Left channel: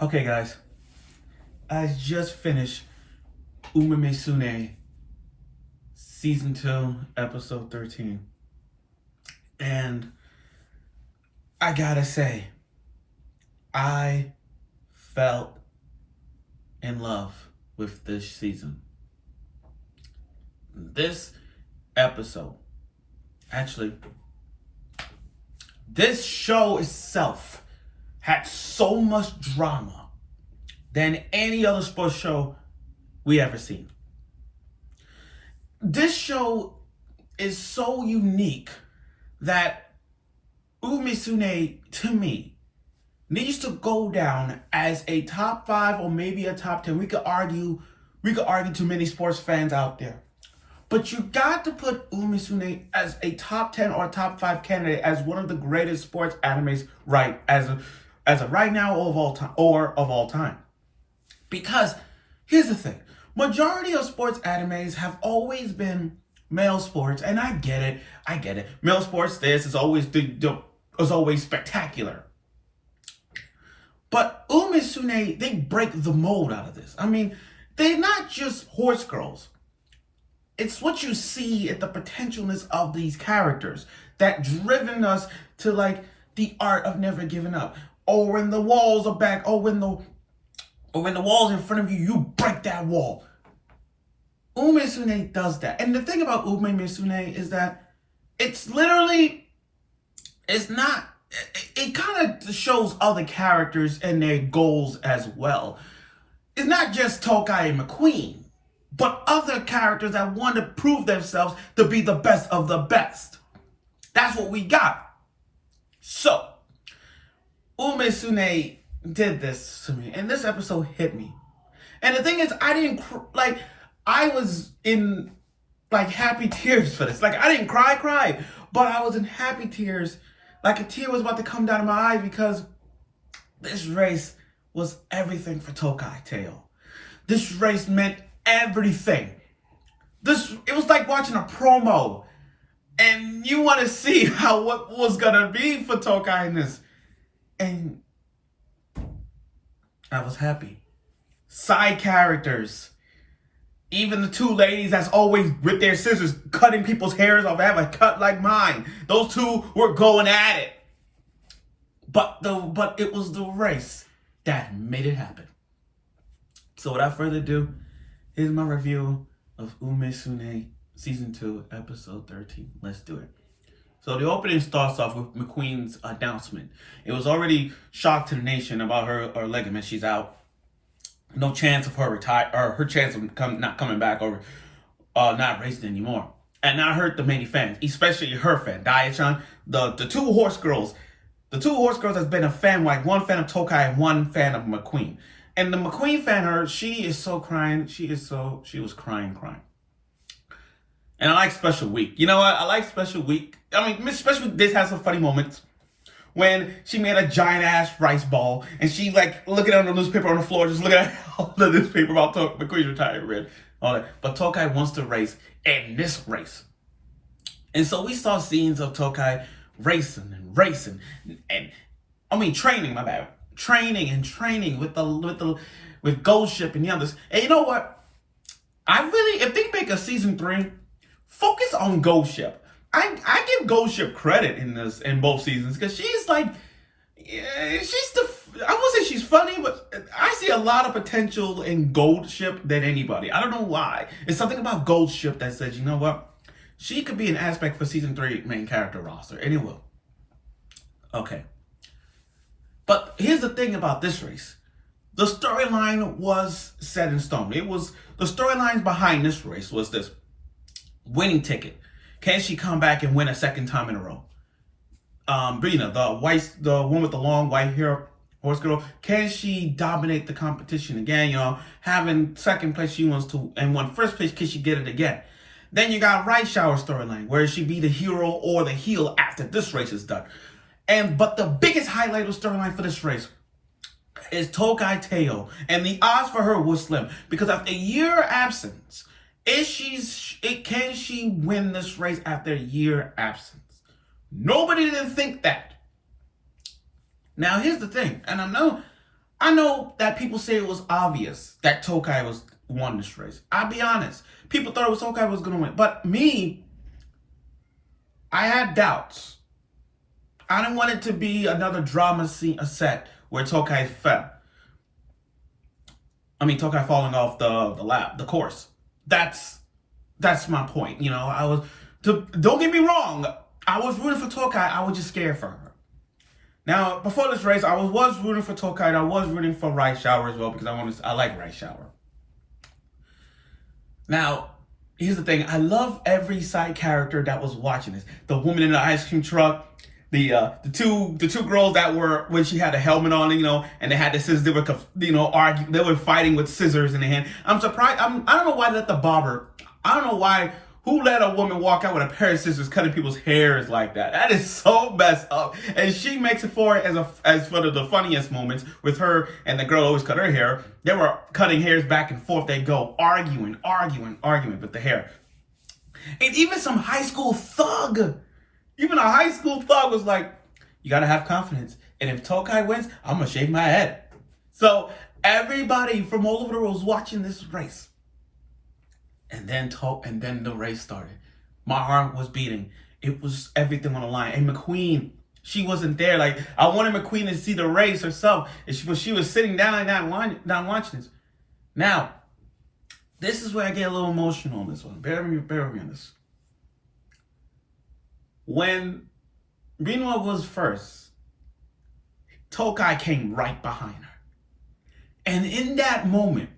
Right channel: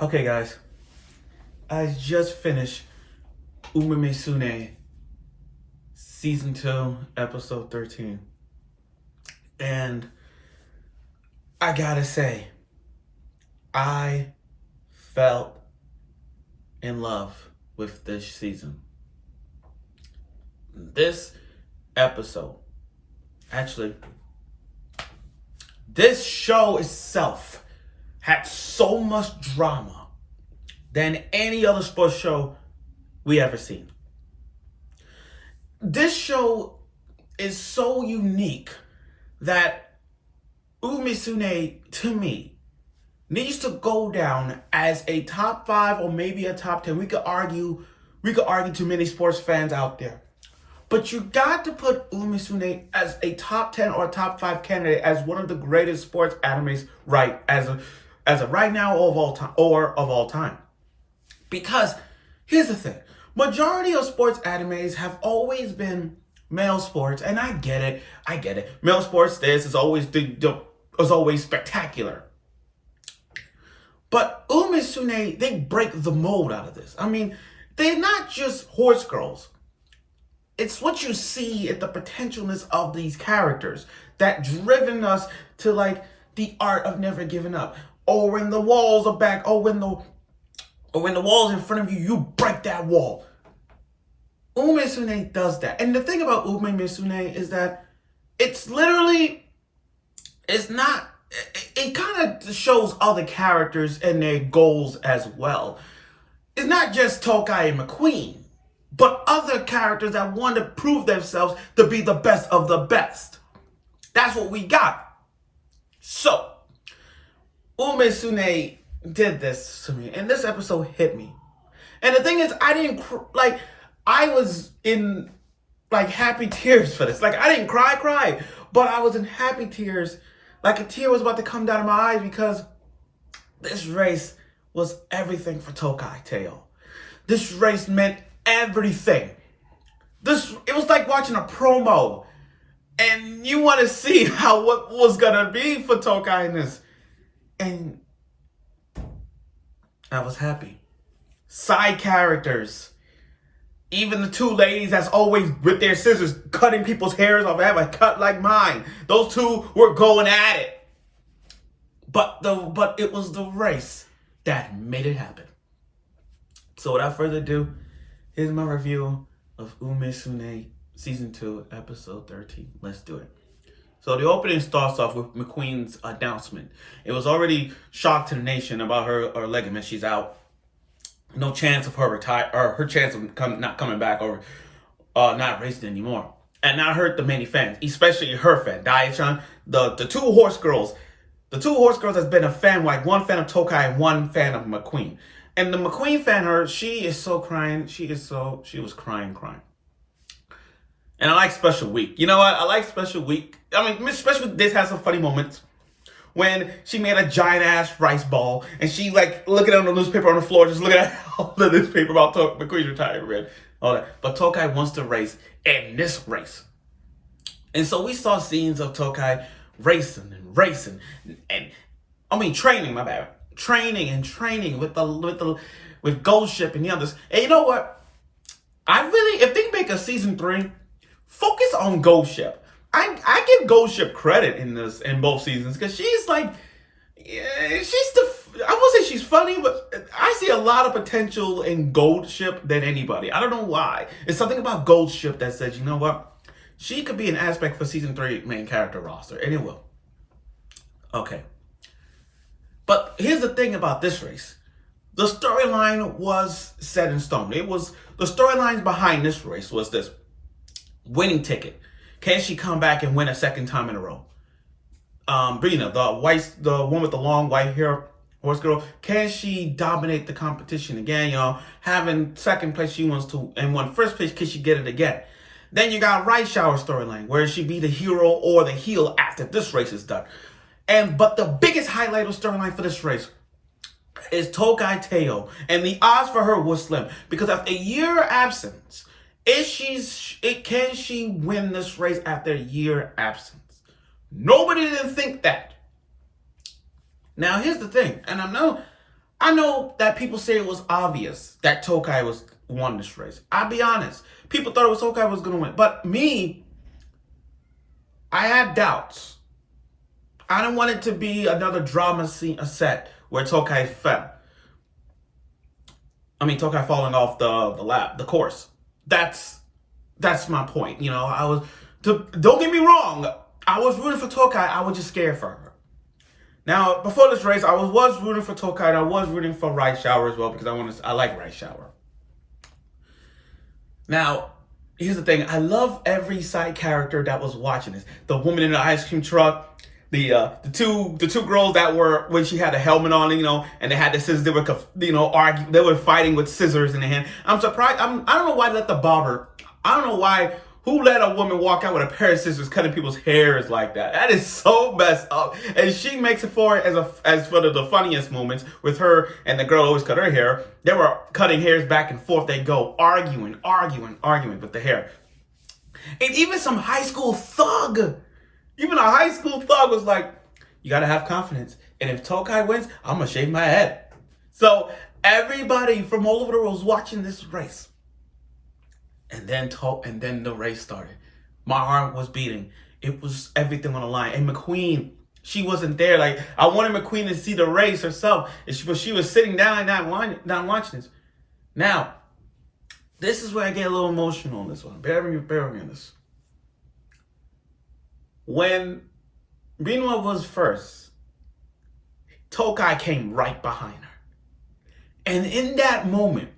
Okay, guys, I just finished Musume Season 2, Episode 13. And I gotta say, I felt in love with this season. This episode, actually, this show itself had so much drama than any other sports show we ever seen. This show is so unique that Musume, to me, needs to go down as a top 5 or maybe a top 10. We could argue to many sports fans out there. But you got to put Musume as a top 10 or top 5 candidate as one of the greatest sports animes as of right now or of all time. Because here's the thing. Majority of sports animes have always been male sports, and I get it. Male sports, this is always spectacular. But Musume, they break the mold out of this. I mean, they're not just horse girls. It's what you see at the potentialness of these characters that driven us to like the art of never giving up. Or when the walls are back, or when the wall's in front of you, you break that wall. Musume does that. And the thing about Musume is that it kind of shows other characters and their goals as well. It's not just Tokai McQueen, but other characters that want to prove themselves to be the best of the best. That's what we got. So, Musume did this to me, and this episode hit me. And the thing is, I was in like happy tears for this. Like, I didn't cry, but I was in happy tears. Like a tear was about to come down my eyes because this race was everything for Tokai Teio. This race meant everything. It was like watching a promo, and you want to see what was gonna be for Tokai in this. And I was happy. Side characters. Even the two ladies that's always with their scissors cutting people's hairs off, have a cut like mine. Those two were going at it. But it was the race that made it happen. So without further ado, here's my review of Musume Season 2, Episode 13. Let's do it. So the opening starts off with McQueen's announcement. It was already shock to the nation about her ligament. She's out. No chance of her her chance of not coming back or not racing anymore. And that hurt the many fans, especially her fan, Daichan, the two horse girls. The two horse girls has been a fan, like one fan of Tokai and one fan of McQueen. And the McQueen fan, she is so crying. She was crying. And I like Special Week. You know what? I like Special Week. I mean, Special Week, this has some funny moments. When she made a giant ass rice ball and she like looking at the newspaper on the floor, just looking at all the newspaper about McQueen's retirement, all that. But Tokai wants to race in this race. And so we saw scenes of Tokai racing and I mean training with Ghost Ship and the others. And you know what? If they make a season 3, focus on Ghost Ship. I give Ghost Ship credit in both seasons because she's like, I won't say she's funny, but I see a lot of potential in Gold Ship than anybody. I don't know why. It's something about Gold Ship that says, you know what? She could be an aspect for season 3 main character roster, and it will. Okay. But here's the thing about this race. The storyline was set in stone. The storylines behind this race was this: winning ticket. Can she come back and win a second time in a row? The one with the long white hair, horse girl, can she dominate the competition again? Having second place she wants to, and won first place, can she get it again? Then you got Right Shower storyline, where she be the hero or the heel after this race is done. But the biggest highlight of storyline for this race is Tokai Teio, and the odds for her was slim because after a year absence, can she win this race after a year absence? Nobody didn't think that. Now here's the thing, and I know that people say it was obvious that Tokai won this race. I'll be honest. People thought it was Tokai was going to win. But me, I had doubts. I didn't want it to be another drama scene, a set where Tokai fell. I mean, Tokai falling off the course. That's my point. You know, don't get me wrong. I was rooting for Tokai. I was just scared for her. Now, before this race, I was rooting for Tokai, and I was rooting for Right Shower as well because I like Right Shower. Now, here's the thing. I love every side character that was watching this. The woman in the ice cream truck, the two girls that were when she had a helmet on, and they had the scissors. They were arguing. They were fighting with scissors in their hand. I'm surprised. I don't know why they let the barber. I don't know why. Who let a woman walk out with a pair of scissors cutting people's hairs like that? That is so messed up. And she makes it for it as for the funniest moments with her and the girl always cut her hair. They were cutting hairs back and forth. They go arguing with the hair. And even some high school thug. Even a high school thug was like, you got to have confidence. And if Tokai wins, I'm going to shave my head. So everybody from all over the world was watching this race. And then the race started. My heart was beating. It was everything on the line. And McQueen, she wasn't there. Like, I wanted McQueen to see the race herself. But she was sitting down and not watching this. Now, this is where I get a little emotional on this one. Bear with me on this. When Rinwa was first, Tokai came right behind her. And in that moment,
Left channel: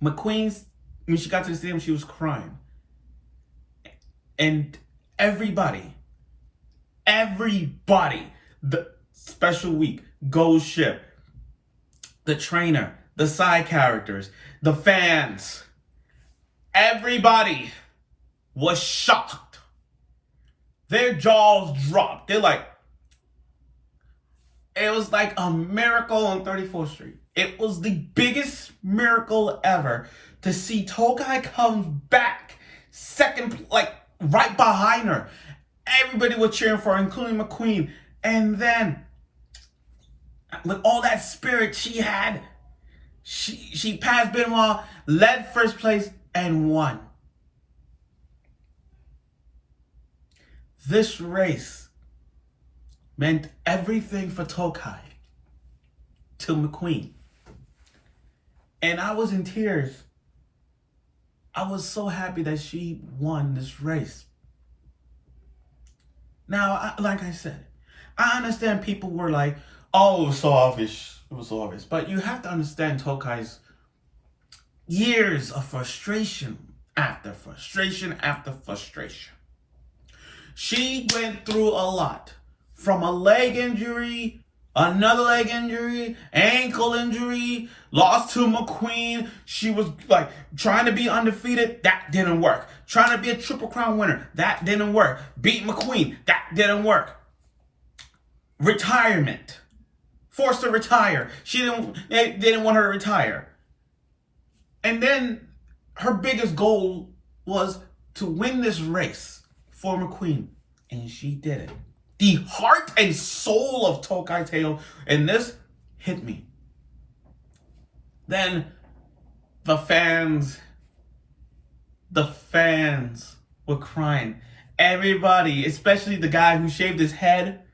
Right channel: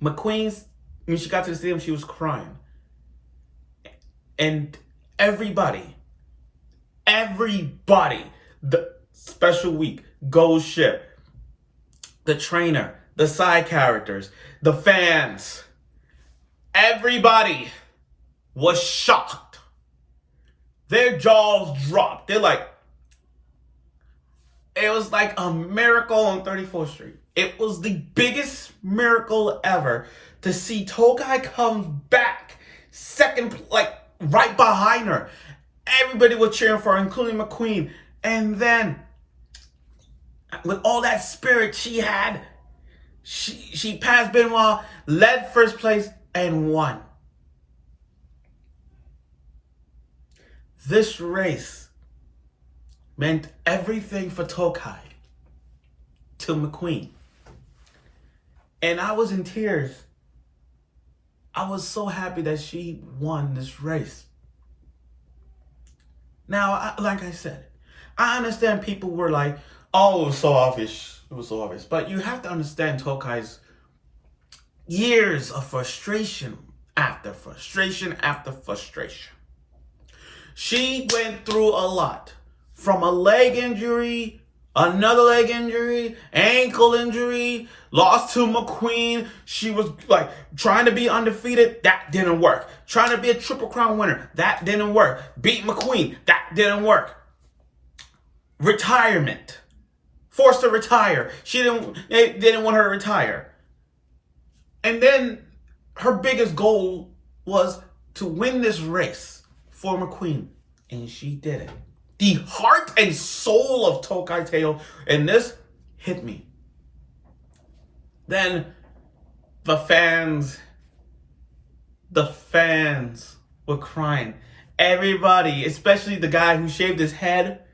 McQueen's, when she got to the stadium, she was crying. And everybody, the special week, Ghost Ship, the trainer, the side characters, the fans, everybody was shocked. Their jaws dropped. They're like, it was like a miracle on 34th Street. It was the biggest miracle ever to see Tokai come back second, like right behind her. Everybody was cheering for her, including McQueen. And then, with all that spirit she had, she passed Benoit, led first place, and won. This race meant everything for Tokai to McQueen. And I was in tears. I was so happy that she won this race. Now, like I said, I understand people were like, oh, it was so obvious. It was so obvious. But you have to understand Tokai's years of frustration after frustration after frustration. She went through a lot. From a leg injury, another leg injury, ankle injury, lost to McQueen. She was like trying to be undefeated. That didn't work. Trying to be a Triple Crown winner. That didn't work. Beat McQueen. That didn't work. Retirement. Forced to retire. They didn't want her to retire. And then her biggest goal was to win this race for McQueen. And she did it. The heart and soul of Tokai Teio in this hit me. Then the fans were crying. Everybody, especially the guy who shaved his head,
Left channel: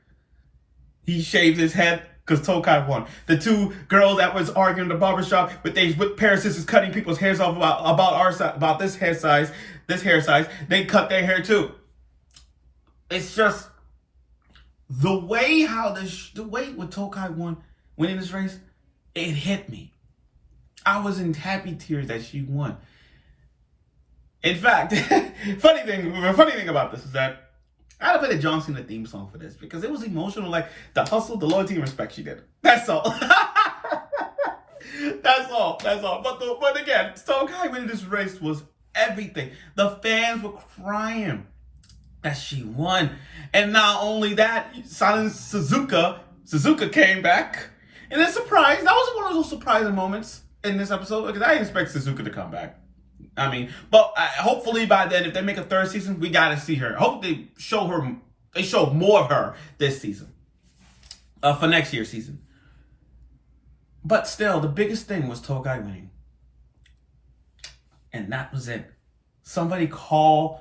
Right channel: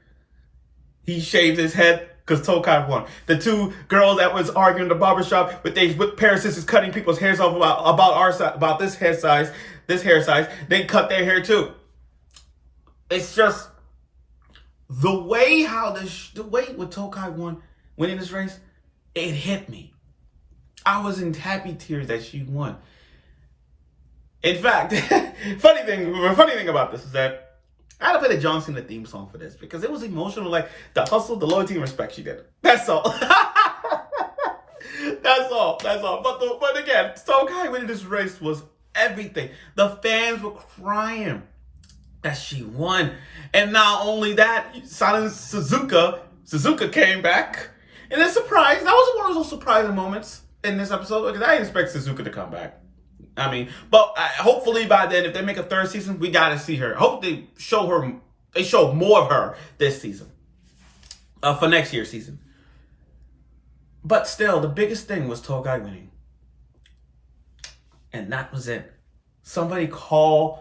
he shaved his head because Tokai won. The two girls that was arguing in the barbershop with pair of scissors cutting people's hairs off about this hair size, they cut their hair too. It's just the way with Tokai won, winning this race, it hit me. I was in happy tears that she won. In fact, funny thing about this is that I had to play the John Cena theme song for this because it was emotional, like the hustle, the loyalty, and respect she did. That's all. That's all. But again, Tokai winning this race was everything. The fans were crying that she won. And not only that, Silent Suzuka came back. And a surprise. That was one of those surprising moments in this episode because I didn't expect Suzuka to come back. I mean, but hopefully by then, if they make a third season, we got to see her. I hope they show more of her this season. For next year's season. But still, the biggest thing was Tokai winning. And that was it. Somebody calls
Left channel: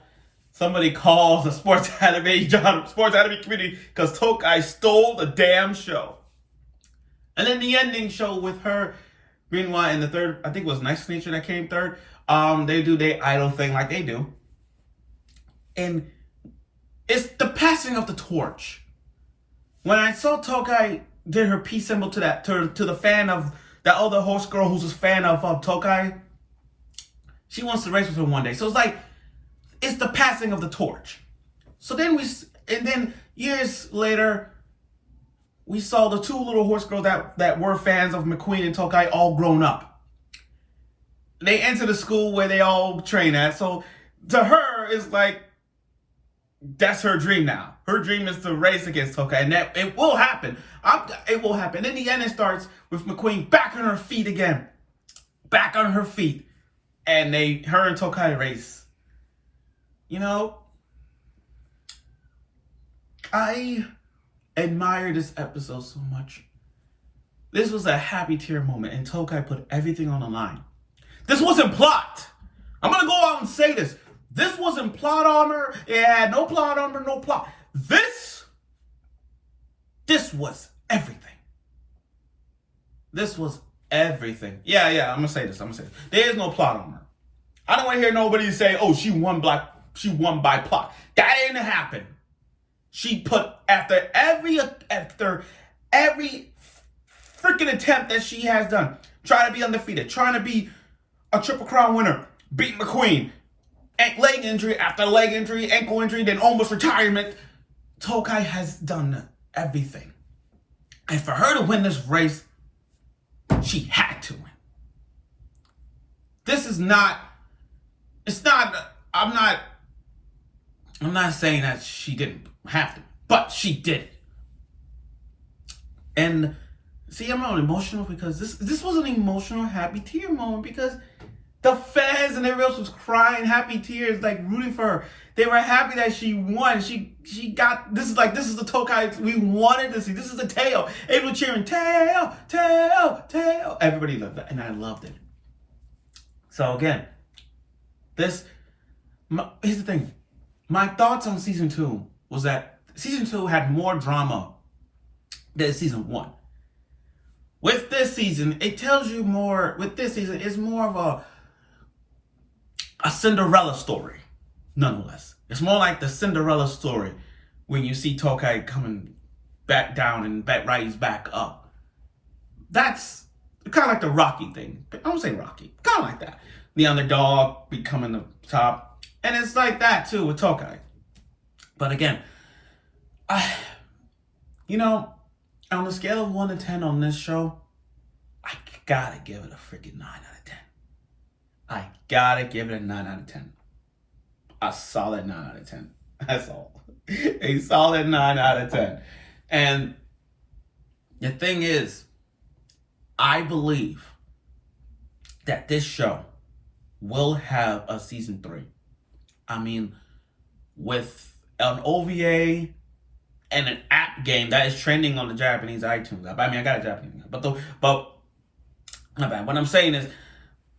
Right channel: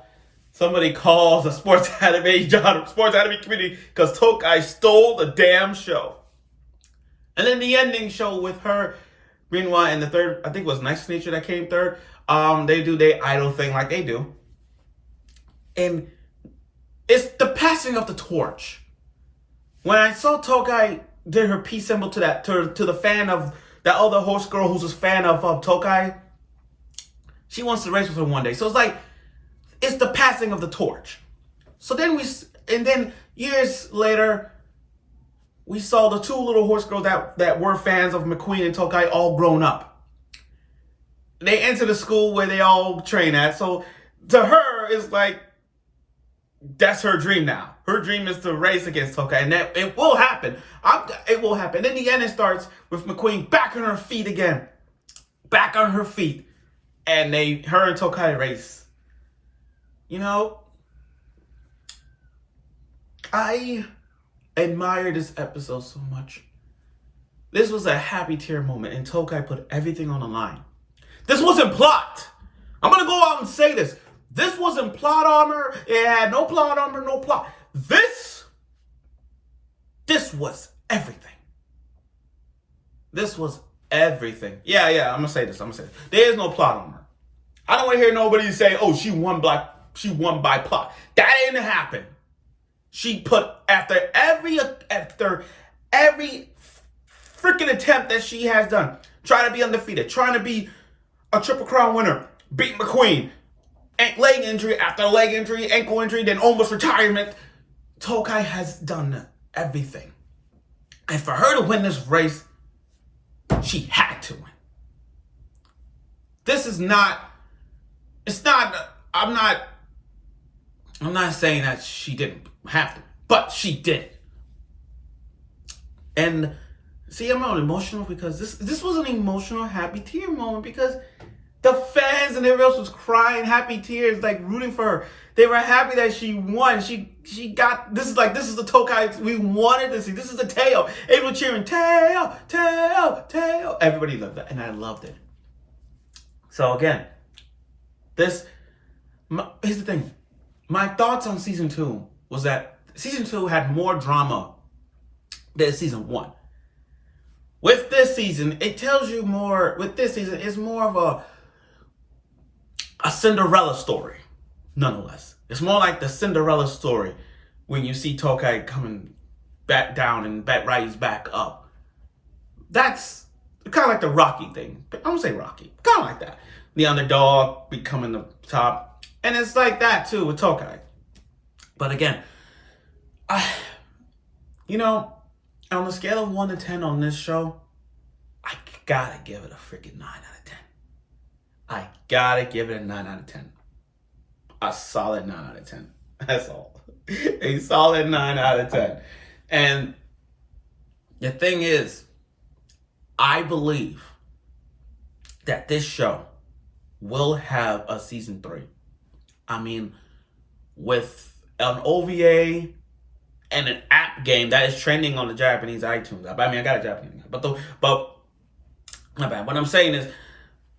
the sports anime community because Tokai stole the damn show. And then the ending show with her, meanwhile, in the third, I think it was Nice Nature that came third. They do their idol thing like they do. And it's the passing of the torch. When I saw Tokai did her peace symbol to the fan of that other horse girl who's a fan of Tokai, she wants to race with her one day. So it's like, it's the passing of the torch. So then years later, we saw the two little horse girls that were fans of McQueen and Tokai all grown up. They enter the school where they all train at. So to her, it's like, that's her dream now. Her dream is to race against Tokai, and that it will happen. It will happen. In the end, it starts with McQueen back on her feet again. Back on her feet. And her and Tokai race. You know, I admire this episode so much. This was a happy tear moment, and Tokai put everything on the line. This wasn't plot. I'm going to go out and say this. This wasn't plot armor. It had no plot armor, no plot. This was everything. This was everything. Yeah, I'm going to say this. There is no plot armor. I don't want to hear nobody say, oh, she won by plot. That didn't happen. She put after every freaking attempt that she has done, trying to be undefeated, trying to be a Triple Crown winner, beat McQueen, leg injury after leg injury, ankle injury, then almost retirement. Tokai has done everything. And for her to win this race, she had to win. This is not, I'm not saying that she didn't have to, but she did it. And see, I'm not emotional because this was an emotional, happy tear moment because the fans and everyone else was crying happy tears, like rooting for her. They were happy that she won. She got, this is the Tokai we wanted to see. This is the Teio. Everyone cheering, Teio, Teio, Teio. Everybody loved that, and I loved it. So again, here's the thing. My thoughts on season 2 was that season 2 had more drama than season 1. With this season, it tells you more. With this season, it's more of a Cinderella story, nonetheless. It's more like the Cinderella story when you see Tokai coming back down and rise back up. That's kind of like the Rocky thing. I don't say Rocky, kind of like that. The underdog becoming the top. And it's like that too with Tokai. But again, on a scale of 1 to 10 on this show, I gotta give it a freaking 9 out of 10. I gotta give it a 9 out of 10. A solid 9 out of 10. That's all. A solid 9 out of 10. And the thing is, I believe that this show will have a season 3. I mean, with an OVA and an app game that is trending on the Japanese iTunes app. I mean, I got a Japanese app, but not bad. What I'm saying is,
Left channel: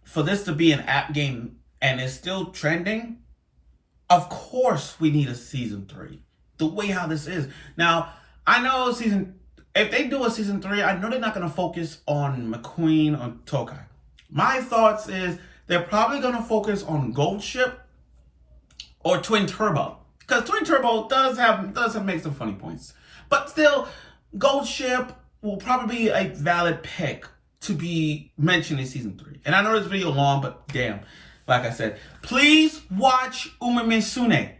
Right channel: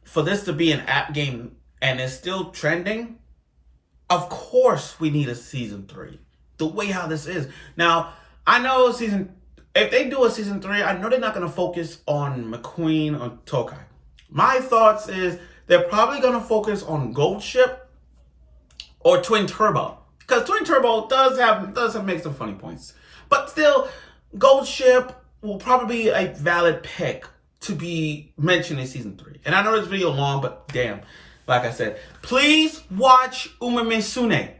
for this to be an app game and it's still trending, of course we need a season 3. The way how this is. Now, I know if they do a season 3, I know they're not going to focus on McQueen or Tokai. My thoughts is they're probably going to focus on Gold Ship or Twin Turbo. Because Twin Turbo does make some funny points. But still, Gold Ship will probably be a valid pick to be mentioned in season 3. And I know this video long, but damn, like I said, please watch Umemesune.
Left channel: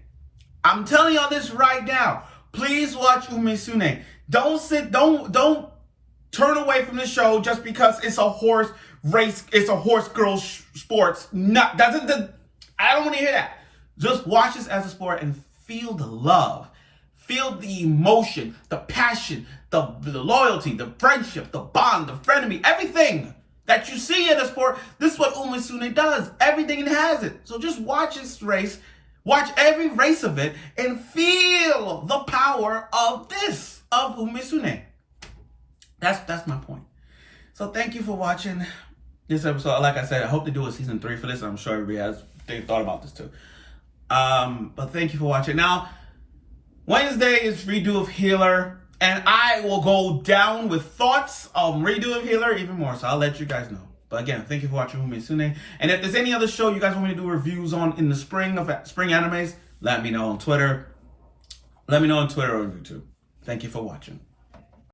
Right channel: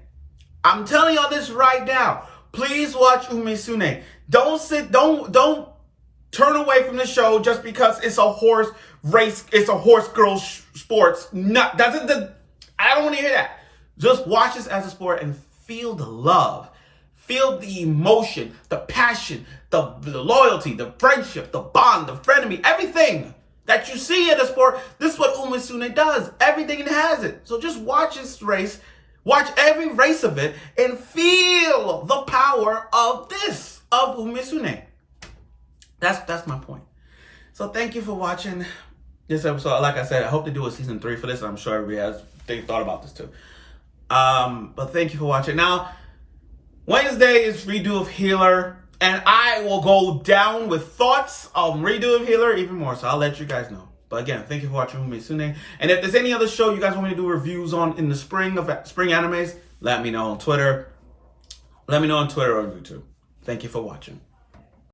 I'm telling y'all this right now. Please watch Umesune. Don't turn away from the show just because it's a horse race, it's a horse girl sports. I don't want to hear that. Just watch this as a sport and feel the love. Feel the emotion, the passion, the loyalty, the friendship, the bond, the frenemy, everything that you see in a sport. This is what Umesune does. Everything it has it. So just watch this race. Watch every race of it and feel the power of Umesune. That's my point. So thank you for watching this episode. Like I said, I hope to do a season 3 for this. I'm sure everybody they thought about this too. But thank you for watching. Now, Wednesday is redo of Healer, and I will go down with thoughts on redo of Healer even more. So I'll let you guys know. But again, thank you for watching Musume. And if there's any other show you guys want me to do reviews on in the spring animes, let me know on Twitter. Let me know on Twitter or on YouTube. Thank you for watching.